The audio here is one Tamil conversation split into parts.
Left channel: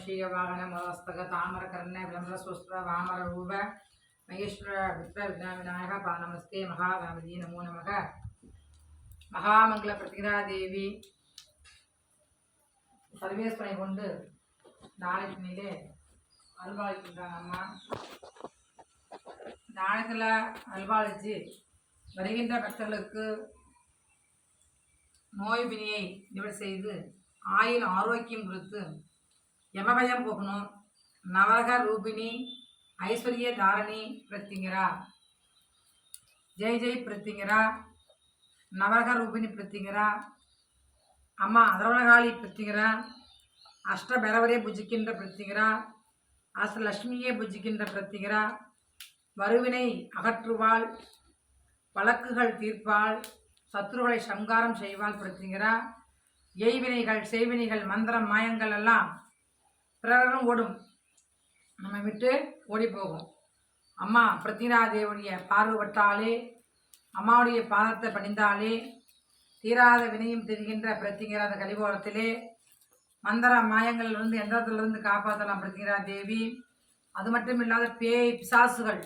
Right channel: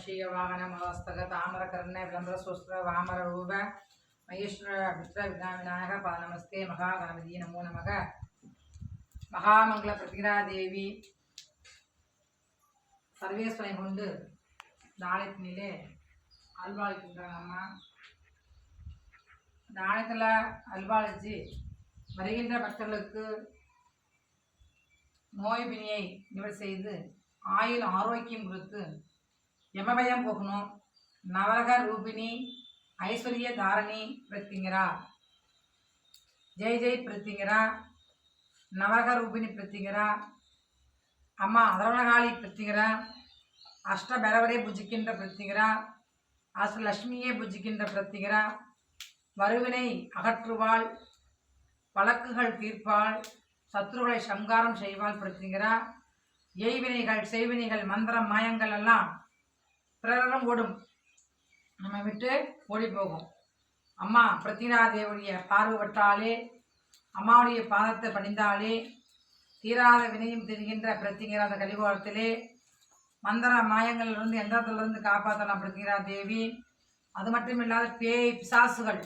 மூஷிக வாகன மதஸ்தக தாமர கர்ண விளம்பர சுஸ்திர வாமர ரூப மகேஸ்வர புத்திர வினா விநாயக பா நமஸ்தே மகாகணபதி நமோ நமக மகாமங்கள பிரதிகரா தேவி சர்வேஸ்வரை கொண்டு நாளைக்கினிலே அல்வாளிக்கின்றாங்க அம்மா நாளத்தில் அல்வாளிச்சு வருகின்ற பக்தர்களுக்கு நோய் பிணியை நிவர்த்தி செய்து ஆயுள் ஆரோக்கியம் கொடுத்து யமபயம் போகணும் நவரக ரூபிணி ஐஸ்வர்ய தாரணி பிரத்திங்கரா? ஜெய் ஜெய் பிரத்திங்கரா. நவரக ரூபிணி பிரத்திங்கரா. அம்மா அதரவணகாளி பிரத்திங்கரா. அஷ்டபரவரே புஜிக்கின்ற பிரத்திங்கரா. அஷ்டலட்சுமியே புஜிக்கின்ற பிரத்திங்கரா. வருவினை அகற்றுவாள் வழக்குகள் தீர்ப்பாள் சத்ருகளை சங்காரம் செய்வாள் பிரத்திங்கரா. எய்வினைகள் செய்வினைகள் மந்திரம் மாயங்கள் எல்லாம் பிறரும் ஓடும். நம்ம விட்டு ஓடி போகும் அம்மா பிரத்திங்கரா பார்வைப்பட்டாலே அம்மாவுடைய பாதத்தை பணிந்தாலே தீராத வினையும் தெரிகின்ற பிரத்திங்கிற அந்த கலிபோரத்திலே மந்திர மாயங்களிலிருந்து எந்திரத்திலிருந்து காப்பாற்றலாம் பிரத்திங்கரா தேவி அது மட்டும் இல்லாத பேய் பிசாசுகள்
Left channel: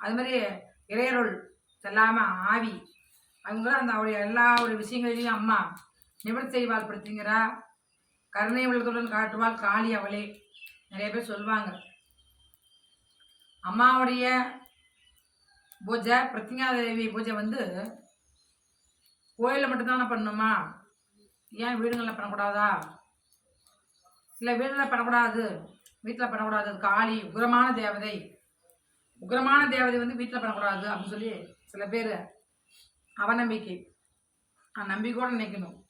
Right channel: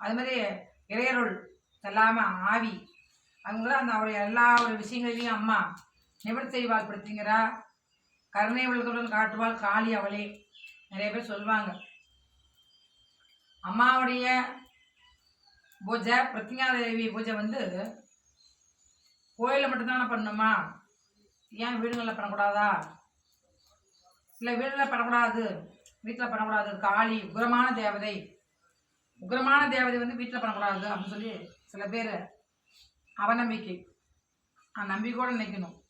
அது இறையருள் எல்லாமே ஆவி அவங்களும் அந்த அவருடைய எல்லா ஒரு விஷயங்களையும் அம்மா நிவர்த்தி செய்வாள் பிரத்திங்கிறா கருணை உள்ளத்துடன் காட்டுவாள் காளி அவளே. நிறைய பேர் சொல்லுவாங்க. அம்மாவுடைய பூஜை பிரத்திங்காதேவி பூஜை வந்து கோயிலில் மட்டும்தானே பண்ணணுமா ஏன் வீடுகளில் பண்ணக்கூடாதா? இல்லை வீடுகளில் பண்ணக்கூடாது வீட்டில் பண்ணக்கூடாது. அது காளி உக்ரமான தேவதை. உக்ரமான தேவதை வந்து வீட்டில் பண்ணக்கூடாது அப்படின்னு சொல்லி சில பேர் அவநம்பிக்கை. நான் நம்பிக்கையோடு நினைக்கணும்.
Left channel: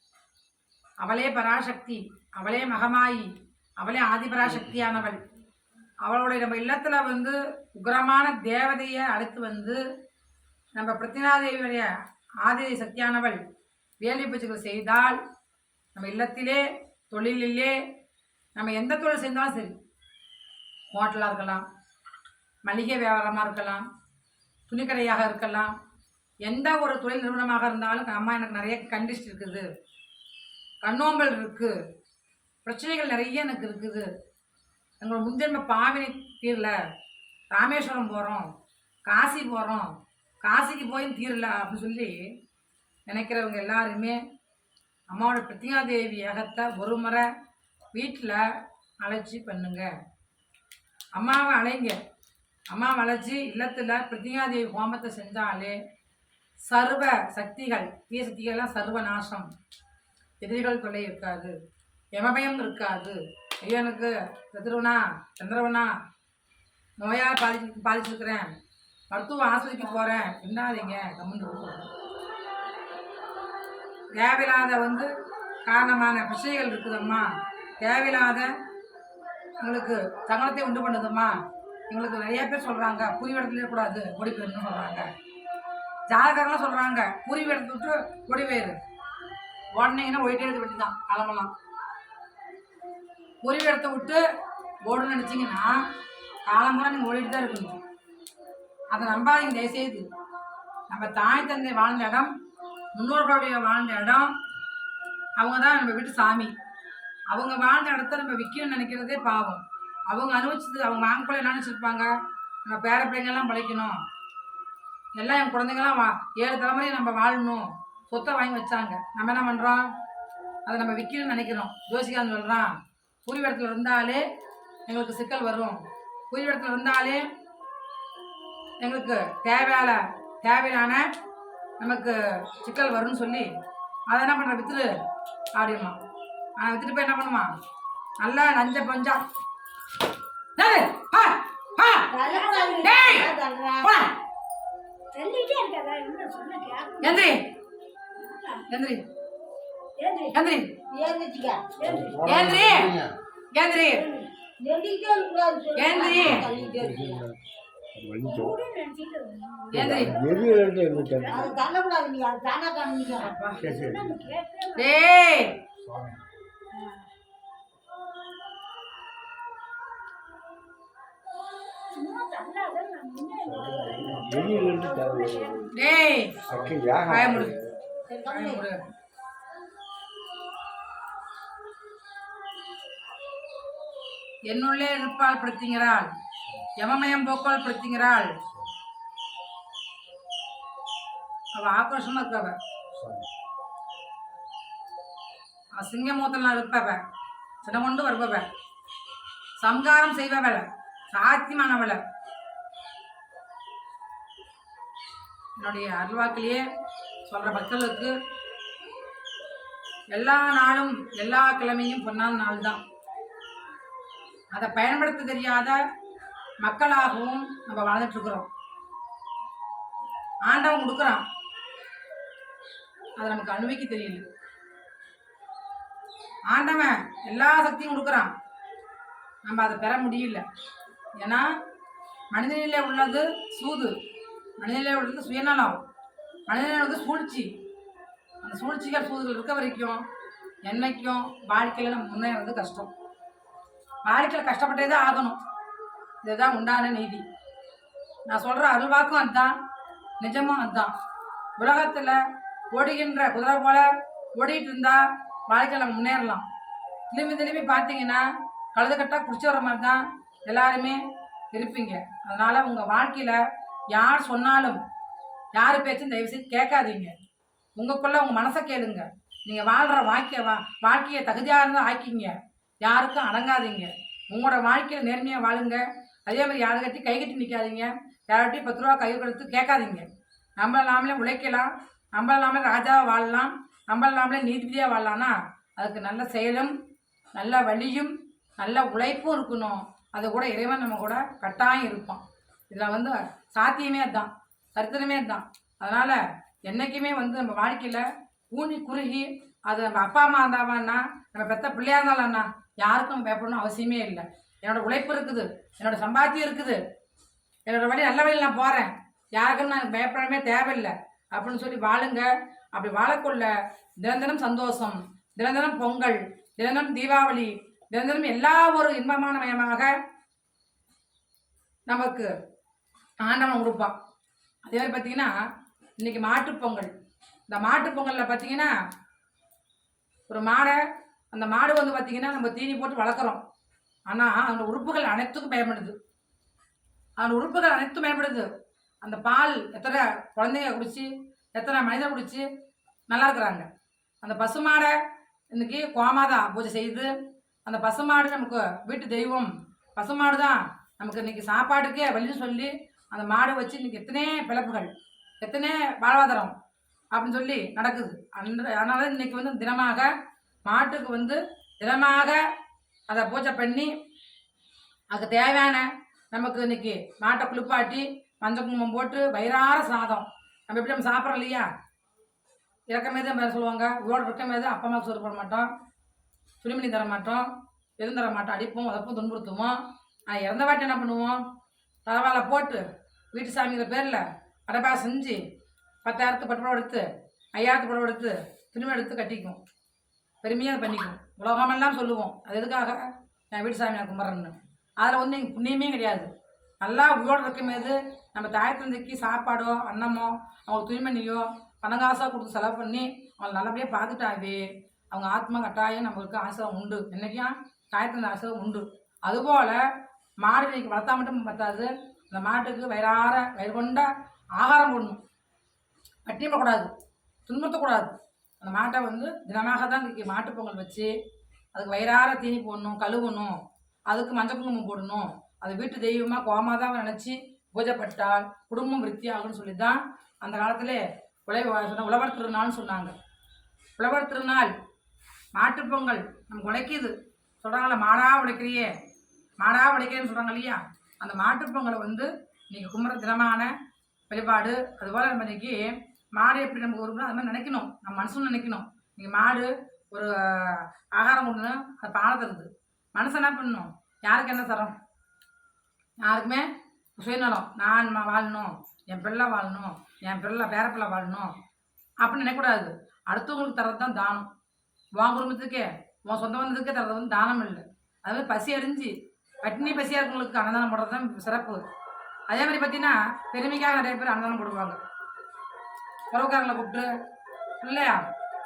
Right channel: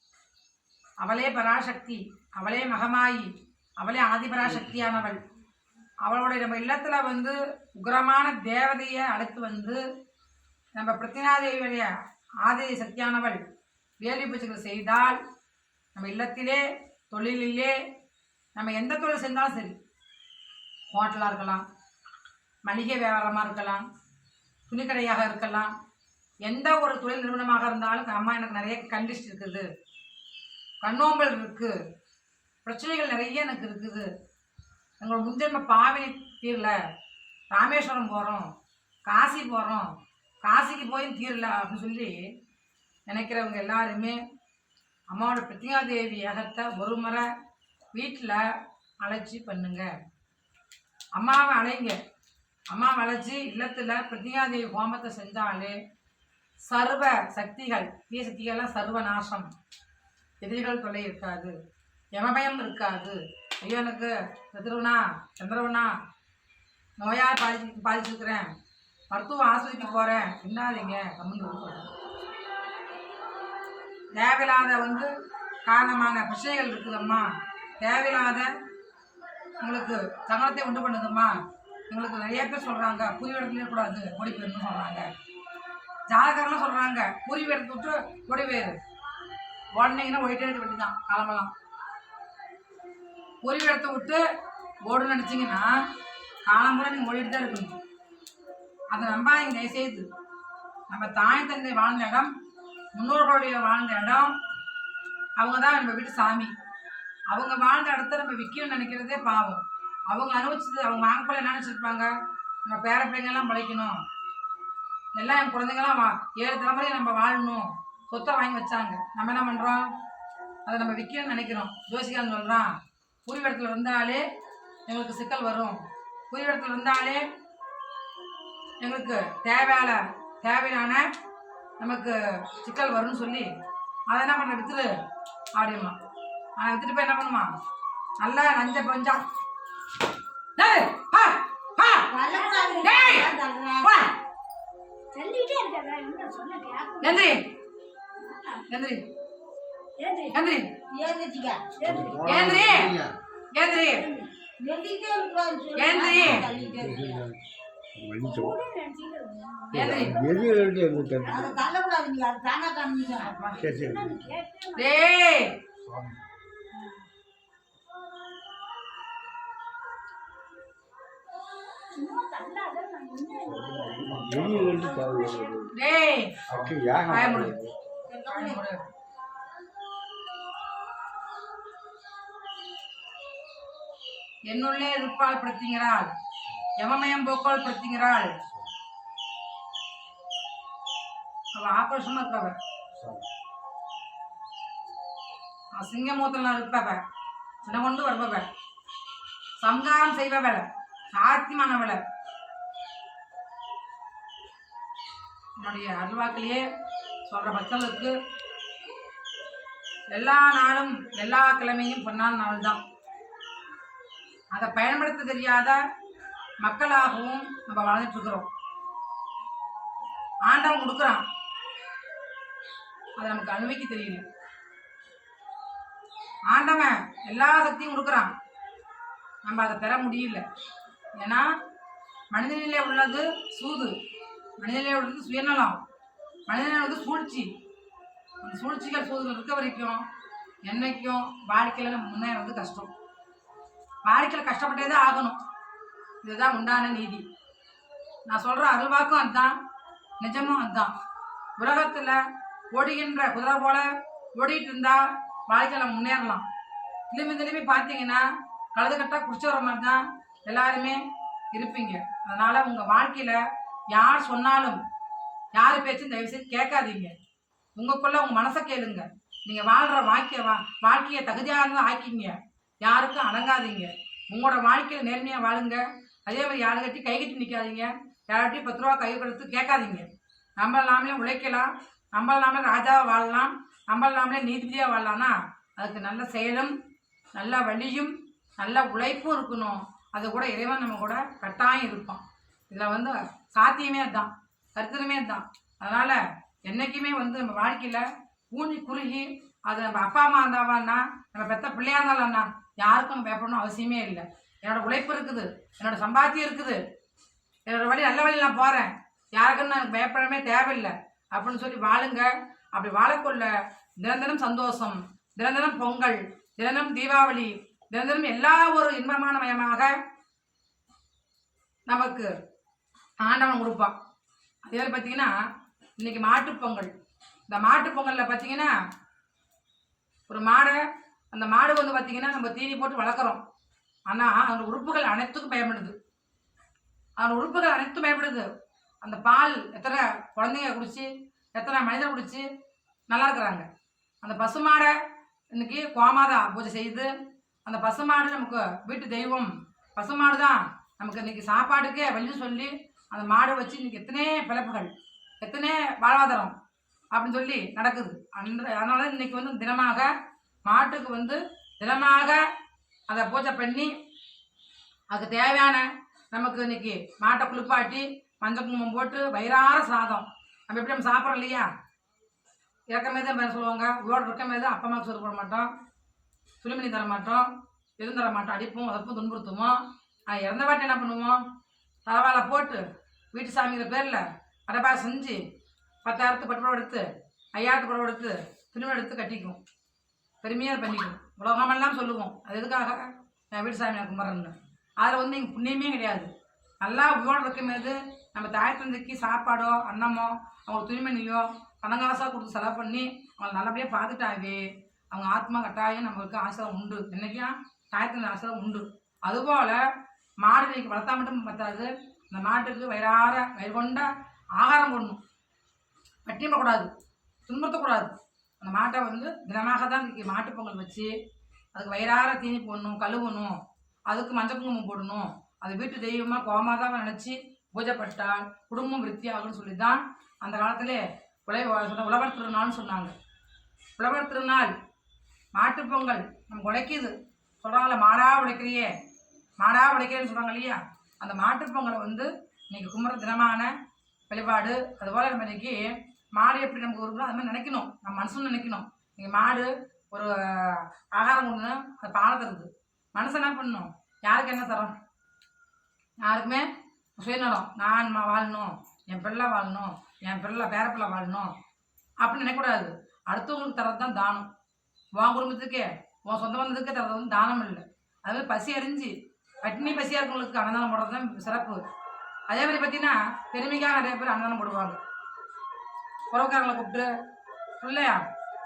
அவளே பராசக்தி. அவளே மகமாயி அவளே ஆதிபராசக்தியானவள். அவளுடைய நம்ம இல்லத்தில் வந்து உக்ரமான தேவதையை அடுத்து வந்து நம்ம பிரத்தினாதேவியுடைய ஆதி சக்தியானவள் வேள்வி பூஜைகள் செய்தால் நம்ம இல்லத்திலே தொழிலிலே நம்ம எந்த தொழில் செய்தாலும் சரி ஹோட்டலாக இருக்கலாம் மளிகை வியாபாரமாக இருக்கலாம் துணிக்கடையாக இருக்கலாம் எந்த ஒரு தொழில் நிறுவனமாக இருந்தாலும் அம்மா எனக்கு நிறைய கண்டிஸ்ட் இருக்குது. கண்ணோம்பல் இருக்குது பிரச்சனைகள் நிறைய எனக்கு இருக்குது. எங்களோட முன்ஜென்ம பாவனை தீரல ராமேஸ்வரம் போகிறோம் காசி போகிறோம் காசிக்கு போய் தீரல அப்படின்னு சொல்லி நினைக்கிறவங்க எல்லாருமே அம்மாவோட பிரத்தியாதேவி ஏகத்தை ஒரு முறை வீட்டில் அழைச்சி பண்ணுங்க. அம்மாவை அழைங்க. அம்மாவை அழைச்சி இல்லத்தில் பிரத்தியாதேவி ஹோமத்தை செஞ்சாலே சர்வ சக்திகள் தீய சக்திகள்லாம் சர்வ நாசம் எதிரிகள் தொல்லை இருக்காது. யமபயம் இருக்காது. ஐயோ எனக்கு சத்ருவனா சந்திரவனா நோயால் பாதிச்சு பாதிச்சிருக்கிறேன். மருத்துவ ஆஸ்பத்திரிக்கு போகிறேன் என்னாதீங்க கம்முன்னு கொடுக்குறேன் தேவையில்லாத வந்து காரணமான பிரச்சனைகள் இருக்குதம்மா. தேவையில்லாத எங்களுக்கு சங்கடத்தை உண்டு பண்ணுதும்மா. எங்களுக்கு நிறைய பேர் சொல்கிறாங்க புரி இடத்துல கூடாது ஓடி போயிடணும்னு சொல்கிறாங்க ஜாதகர்லாம் சொல்கிறாங்க புரி விட்டு விட்டு ஓடி போயிரு. ஒயிட்டே ஓடிட்டே இருக்க வேண்டியதான் கிளம்பலாம் புரி இடத்த விட்டு ஓடு நினச்சிங்கன்னா காலம்புற நீங்கள் ஓடிட்டு தான் இருக்கணும். அதை நம்பாதீங்க தயவுசெய்து. நம்ம தாய் தந்தை வாழ்ந்த இடம் முன்னோர்களுடைய வாழ்ந்த இடம் அவங்க தான் நம்ம வீட்டு சாமி. அவங்க வாழ்ந்த இடத்த நம்ம விற்கணும்னு நினைக்கிறதே பாவம். அவங்க அனுபவிச்சது அவங்க வாங்க என்ன நினச்சிருப்பாங்க? நம்ம பேர பிள்ளைங்கள்லாம் பழைக்கணும். எல்லாம் என் குழந்தைங்களாம் வா ஏழு தலைமுறையை நம்ம வாழணும். சொத்தை வாங்கி வச்சாங்க. நம்ம என்ன பண்ணுறோம் அதை நம்ம விற்கணும்னு நினைக்கிறோம். ஜோசிகான்னு சொல்கிறான் புரிவிடத்தில் இருந்தாலே எங்களுக்கு சிக்கல் வரும். புரிவிடத்தில் இருந்தாலே எங்களுக்கு தேவையான தேவையான நமக்கு சிக்கல் வரும்னு சொல்லி அதை என்ன பண்ணுற வித்துரு அப்படிமா ஆனால் வித்துட்டு போய் என்ன பண்ணுமா? நல்லா நஞ்ச பஞ்சா. டேய், பா, டேய், சொன்ன கேட்க எந்திரி எந்திரி எந்திரி ஏந்திரிச்சுக்க. ஏந்திரி என்னுள்ளே இருப்பால் படுத்துங்கிறாள் யமமயம் போக்கால் படுத்துங்கிறாள் அவ ஆக்ரோஷமா இருப்பவ. சிங்கமூத்தலாம் இருப்பவ. சின்ன கொண்டு வருபவ. சம்காரம் செய்பவள. சாத்தியமானவள. என்னுடைய அருள்வாக்கிலேயே சொல்ற மக்களுக்கு எல்லா நாளும் எல்லா கிழமையும் பொன்னான நாள் தான் அதை பயன்படுத்த தெரியாத மக்களாகவும் நம்ம வாழ்ந்துட்டு இருக்கிறோம் ஆண்டவன் கொடுக்குறான். அதை நமக்கு அனுபவிக்க தெரியல. ஆண்டவன் எல்லா சக்தியும் கொடுக்குறான். நம்ம அதை பெற முடியல. ஏன்னா மனிதனிலே உள்ளது சூது மனிதனிலே உள்ளது சுயநலம் மனிதநிலை உள்ளது சூழ்ச்சி. அந்த சூழ்ச்சிகள் சூதுகள் இருக்க வரைக்கும் என்னைக்கும் வாழ்க்கையில் நம்ம முன்னேறது கஷ்டம். வாழ்க்கையில் கஷ்டப்பட்டே தான் ஆகணும். இதுதான் உண்டான நீதி. நான் சொல்கிற அருள்வாக்கும் அதுதான் நிஜமும் அதுதான். உலகத்தில் ஓடுகின்ற குதிரை போல ஓடிட்டு இருந்தால் வாழ்க்கையில் முன்னேறலாம். திரும்பி திரும்பி பார்த்தீங்கன்னா கழுதுகட்டாக குடிச்சு வர மாதிரி தான் எல்லாருமே இருப்பீங்க. அதனால் உங்கள் வாழ்க்கையில் யார் சொன்னாலும் யார் பேச்சும் தயவுசெய்து கேட்காதீங்க. உங்களுக்குள்ளே உங்கள் மனசை கேளுங்க. நீங்கள் வாழ்கிற வாழ்க்கையை வா வாழ்க்கையை தகுதியாக இருந்தால் ஆக்கிங்க யாருக்கும் அடங்காதீங்க. உங்களோட வாழ்க்கையில் நேர்மையாக வாழுங்க. அதே மாதிரி யாரை கட்டி கை கட்டி நிற்காதீங்க யார்கிட்டையும் பத்து ரூபா கை கொடுத்து கேட்காதீங்க. நம்ம நாமளே உழைக்கலாம். நம்ம நாமளே ராஜாவை வாழலாம். நம்ம நாமளே நீதிபதியாக வாழலாம்னா அதுக்கு நல்ல செயலும் நல்ல வழியும் நல்ல உழைப்பும் இருக்கணும். அது கூட இறைவன் நம்ம கூட கட்டாயம் இருப்பான். இதில் வந்து சாத்தியமே அதுதான். சரித்திரமே அதுதான். அதனால் என்றைக்குமே வந்து நம்ம வாழ்க்கையில் ஊனி குறுகி அது நம்ம அப்பா அம்மா இருந்தாவான்னா நம்ம பெத்த பிள்ளையா இருந்தாலும்ண்ணா யாருக்கும் பயப்படணும் அவசியமே இல்லை. என்னோட உழைப்பு இருக்குது என்னோட சம்பாத்தியம் இருக்குது. என்னோட வழி நல்ல வழியில் நான் போகிறேன் யாருக்கும் நான் பயப்படவே தேவையில்லை. அப்படின்னு சொல்லி வாழுங்க. அப்படி வாழக்குள்ள தினம் சந்தோஷம் தினம் பொங்கல் தினம் தீபாவளி தினம் எல்லா ஒரு இன்பமான மயமாக நமக்கு ஆண்டவன் கொடுப்பான். அதே மாதிரி பார்த்தீங்கன்னா இன்னைக்கு மாட்டுப் பொங்கல். இந்த மாட்டுப் பொங்கலில் பார்த்தீங்கன்னா ஒரு மாடை அந்த மாடு வந்து பார்த்தீங்கன்னா நம்ம தீனி போட்டு வளர்க்குறோம். ஆனால் அந்த உறுப்புகள் அனைத்துக்கும் பயன்படுது. அந்த உறுப்புகள் அனைத்தும் பயன்படுது. அந்த பால் எத்தனை குழந்தைங்க குடிச்சு எத்தனை மனிதர் குடிச்சு நல்லா இருக்கிறாங்க. அந்த பசுமாடை இன்னைக்கு கோமாதா பூஜை செய்து அந்த பசுமாடு நமக்கு வீட்டு தெய்வம். பசுமாடு தான் நமக்கு இன்றைக்கி சாப்பாடுக்கே வழின்னு சொல்லி அந்த மாடு வச்சு இன்றைக்கி எத்தனை பிழப்புகள் எத்தனை வாழ்வாதாரம் அப்படின்னு சொல்லி நடக்குது. அந்த அதனால இன்னைக்கு வந்து தினமாக மாட்டுக்கு வந்து தினமாக அதை பூஜை பண்ணி அதுக்கு தேவையான நமக்கு இன்னைக்கு மாட்டை குளிப்பாட்டி மஞ்சள் குங்குமம் போட்டு வயிறார சாதம். நம்ம எப்படி நம்ம சாப்பிட்றோம் இல்லையா? இறக்கமே தான் பேர சொல்லுவாங்க. உயிரோடு இருக்கமே தான் அப்பா அம்மாவுக்கு சோறு போட மாட்டோம். துணிமணி தர மாட்டோம். எதுவும் தர மாட்டோம். அடிப்போம் உதப்போம் துன்புறுத்துவோம். ஆனால் இறந்த வாட்டி என்ன பண்ணுவோம்? பரவாயில்ல போட்டு வீட்டு சாமிங்கிற பேரில் அடப்பா செஞ்சு பத்தாயிரத்து பட்டு புடவை எடுத்து ஐயாயிரத்து புடவை எடுத்து துணிமணி எடுத்து கட்டிக்கும். பெருமையாக பண்ணிக்கும். உலகமெல்லாம் சொல்லுவோம். அது எதுக்காக? என் வீடு சாமியார் நான் அதில் வந்து எங்கள் புண்ணியமே கிடையாது. நல்லா உயிரோடு இருக்கும்போது நம்ம தாய் தந்தைக்கு சாப்பாடோ அன்னமோ அவங்க துணிமணியோ பணங்காசாக கொடுத்து செலவு பண்ணி அவங்களை நல்லபடியாக பார்த்துட்டாவே அவங்க ஆத்மா கட்டாயம் நம்மளுக்கு ஆசிரம் உண்டு. என்றைக்கும் தாய் தந்தை ஆசிரம் உண்டு. அதுபோல் மாடு இன்னைக்கு வளர்த்தா மட்டும் பத்தாது. அந்த மாட்டுக்கு வயிறார வயிறு கொண்ட ஆகாரம் போடணும். பட்டினி போடக்கூடாது துன்புறுத்தக்கூடாது. அந்த மாட்டை வந்து தினமாக தான் இன்னைக்கு மாட்டுப் பொங்கல் வச்சு அதுக்கு வயிறார தீனி போடணும் கழுவணும் அதுக்கு மஞ்சள் குங்குமம் போடணும். அது வீட்டு தெய்வமாக கோமாதாவை நினச்சி பூஜைப்பட்டால் குடும்பம் விருத்தியாகும்னு சொல்லி தான் அந்த காலத்தில் உழை சொன்ன உழவர் திருநாள்னு சொன்னாங்க. உழவர் திருநாள் மாட்டுப்பொங்கல் நம்ம நமக்கு உழைக்குது சொல்கிறாங்களே மாடா உழைக்கிறியே மாடா உழைக்கிறேன்னு சொல்கிறாங்க இல்லையா? அந்த மாட்டுப்பொங்கலை வந்து இன்னைக்கு கும்பிட்ற தினமான வழிபாடு அதுபோல் நம்ம இன்றைக்கி மாடு எப்படி நமக்கு வருங்களோ அது மாதிரி நினைக்கணும். நம்ம மனசும் நினைக்கணும். நீங்கள் மாடு ஒரு ஆகாரம் கொண்டு அது பாலை தருது. மனசு என்ன பண்ணணும்? யாருக்கு என்ன தரோம்? யாருக்குமே சுயநலம். நான் வாழணும். என் பிள்ளை வாழணும். என் பிள்ளை பேரப்பிள்ளை வாழணும். அப்படின்னு நினைக்கக்கூடாது. அடுத்தவங்களுக்கு தர்றது தான் தானம். உன் குடும்பத்துக்கே உன் சொந்த பந்தத்துக்கே தர்றது வந்து தானம் இல்லை. அது மாதிரி பசி அறிஞ்சு பட்டினி பசியாக இருக்கவங்களுக்கு அன்னதானம் போடுறது தான் சிறப்பு. அதே மாதிரி பார்த்தீங்கன்னா பெருமைக்காக நிறைய பேர் அன்னதானம் போடுவாங்க. உறவுக்காரங்களை கூப்பிட்டு இல்லையா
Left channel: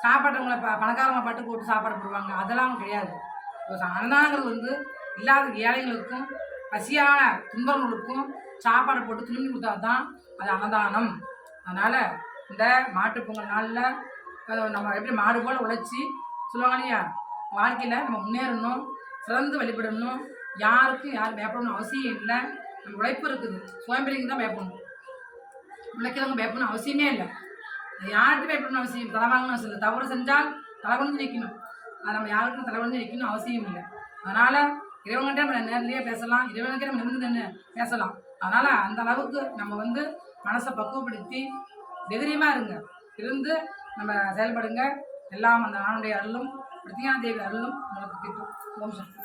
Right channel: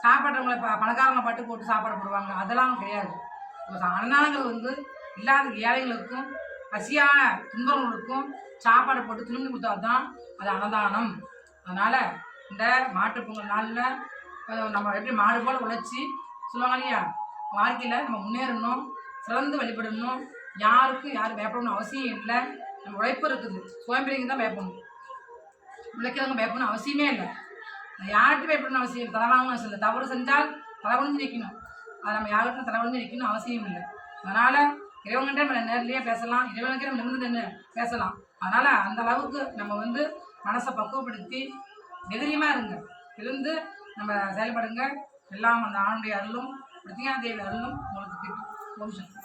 சாப்பாட்டவங்களை ப பணக்காரங்களை பாட்டு கூப்பிட்டு சாப்பாடு போடுவாங்க. அதெல்லாம் கிடையாது. இப்போ வந்து இல்லாத ஏழைகளுக்கும் பசியான துன்பங்களுக்கும் சாப்பாடை போட்டு திரும்பி கொடுத்தா தான் அது அன்னதானம். அதனால் இந்த மாட்டுப்பொங்கல் நாளில் நம்ம எப்படி மாடு போல் உழைச்சி சொல்லுவாங்க இல்லையா? வாழ்க்கையில் நம்ம முன்னேறணும் சிறந்து வழிபடணும். யாருக்கும் யாரும் பயப்படணும் அவசியம் இல்லை. நம்ம உழைப்பு இருக்குது. சுயம்பெரிங்க தான் பயப்படணும். உழைக்கிறவங்க பயப்படணும் அவசியமே இல்லை. யார்கிட்ட பயப்படணும் அவசியம் இல்லை. அவசியம் இல்லை. தவறு செஞ்சால் தலை குனிஞ்சு நிற்கணும். அது நம்ம யாருக்கும் தலை குனிஞ்சு நிற்கணும் அவசியம் இல்லை. அதனால் இறைவன்கிட்ட நம்ம நேர்லேயே பேசலாம். இறைவனுக்கே நம்ம நிமிர்ந்து நின்று பேசலாம். அதனால் அந்த அளவுக்கு நம்ம வந்து மனசை பக்குவப்படுத்தி தைரியமாக இருங்க. இருந்து நம்ம செயல்படுங்க. எல்லாம் அந்த ஆணுடைய அருளும் பிரத்தியா தேவி அருளும் உங்களுக்கு கிட்டும். ஓம் சக்தி.